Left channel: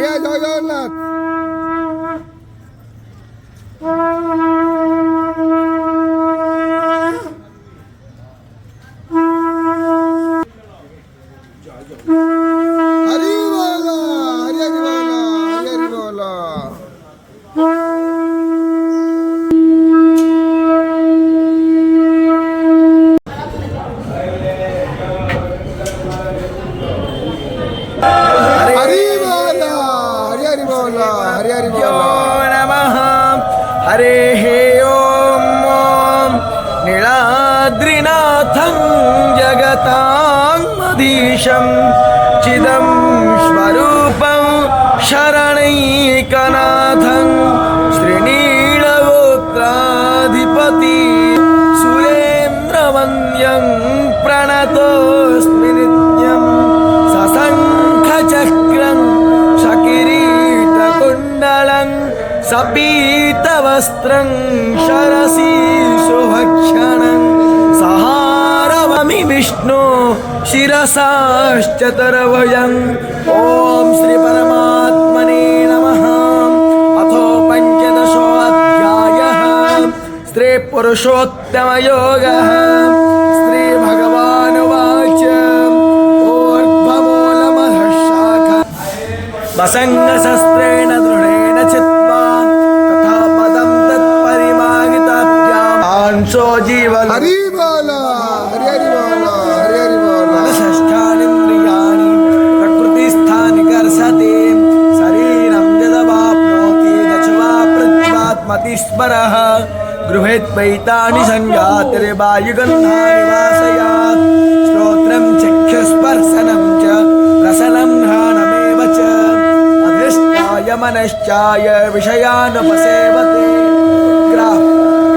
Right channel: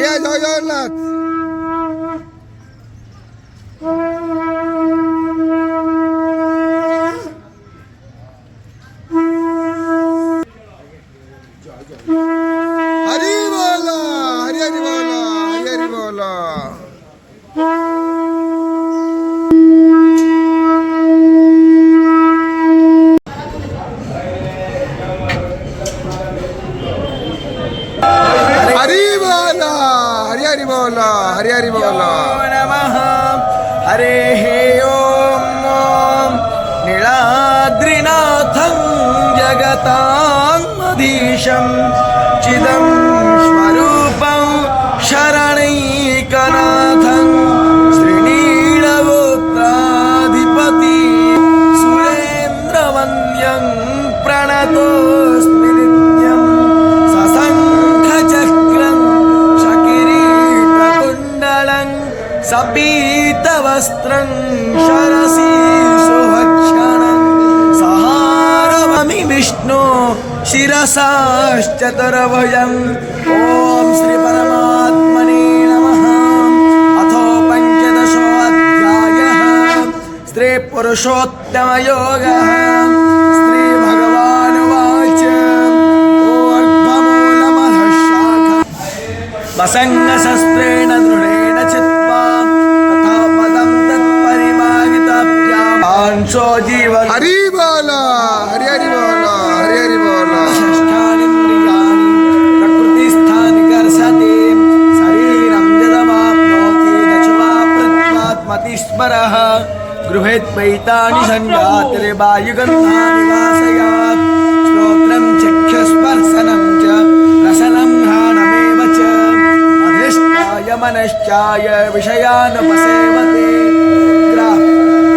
আগে জয় জগন্নাথ। হরি বল, হরি হরি বল, হরি হরি বল। हरि बोल, हरि हरि बोल, हरि हरि बोल। नमः हरे ओम नीलाद्रिनाथं जगतामधीशं चिदं स्वरूपं शरणैकनाथं श्रीनीलगोत्राधिपति सुरेन्द्रवन्द्यं प्रणतोऽस्मि नित्यं सशङ्खचक्रं शकिरीटकुण्डलं सपीतवस्त्रं शरसीशुभक्षणं सहारममि विष्णु शिरसाश्चतुर्भुजम्। ॐ श्री परमात्मने नमः। अथो पञ्चदशोऽध्यायः स्त्री पुरुषोत्तमयोगः। श्री भगवानुवाच ऊर्ध्वमूलमधः शाखा वसङ्गशस्त्रेण दृढेन चित्वा तथा पदं तत्परिमाहिताभ्यां जीवन हरि बोल, हरि हरि बोल, हरि हरि बोल। षष्ठानीन्द्रियाणि प्रकृतिस्थानि कर्षति शरीरं यदवाप्नोति यच्छ्वापृच्छ्वात्मति स्मरः गृहेत्वैतानि सञ्जातिर्वायुगन्धानि वासयात् श्रोत्रं चक्षुस्पर्शनं च रसनं घ्राणमेव च अधिष्ठाय मनश्चाय विषयानुपसेवते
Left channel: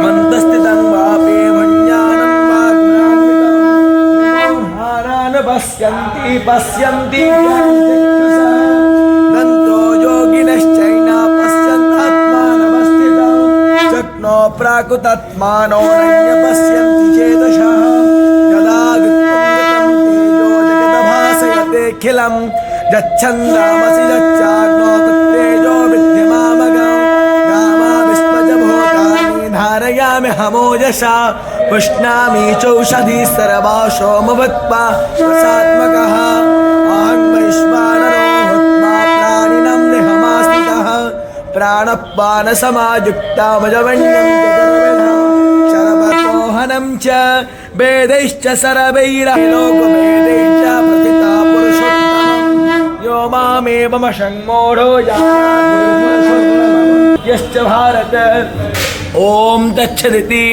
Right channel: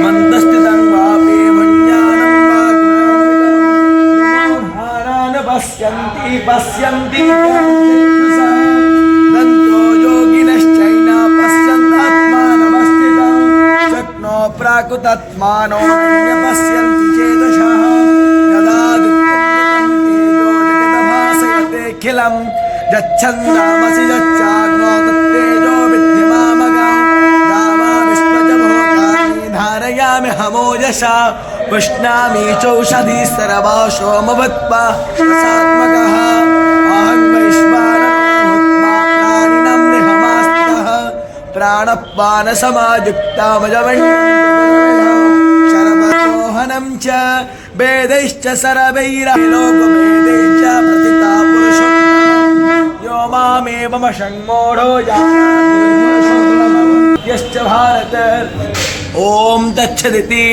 मन्दस्थितं वापि मञ्जानं वाग्मानविदं पश्यन्ति पश्यन्ति दन्तो योगिनश्चैन पश्यन्तात्मानमस्थितं शक्नो प्राकृतात्मानो पश्यन्ति चेतसः यदा दुःखं तेजो जगदभासयतेऽखिलं यच्छन्दामसि यच्चाग्नो तत्तेजो विद्यमामगं गामाविश्वजभूतानि धारयामि हमोजसा पुष्णामि चौषधी सर्वा सोमवत्वा रसात्मकः अहं वैश्वानरो भूत्वा प्राणिनं निहमास्थितः प्राणपानसमायुक्तामजवण्यं शर्वतोहनं च वेदैश्च सर्वैरलोकवेदैश्च प्रतिता पुरुषोत्तमं यो मामेवमशङ्मोढो यश्च भारत। ओम तत्सदिति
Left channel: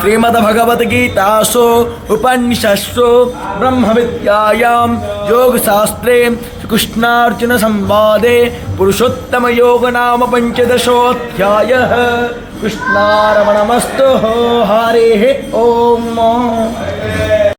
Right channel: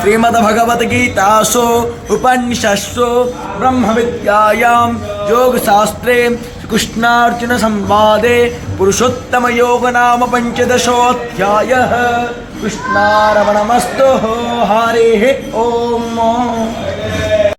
श्रीमद्भगवद्गीतासु उपनिषत्सु ब्रह्मविद्यायां योगशास्त्रे कृष्णार्जुन संवादे पुरुषोत्तम योग नाम पंचदशोऽध्यायः। कृष्णार्पणमस्तु। हरिः ओम।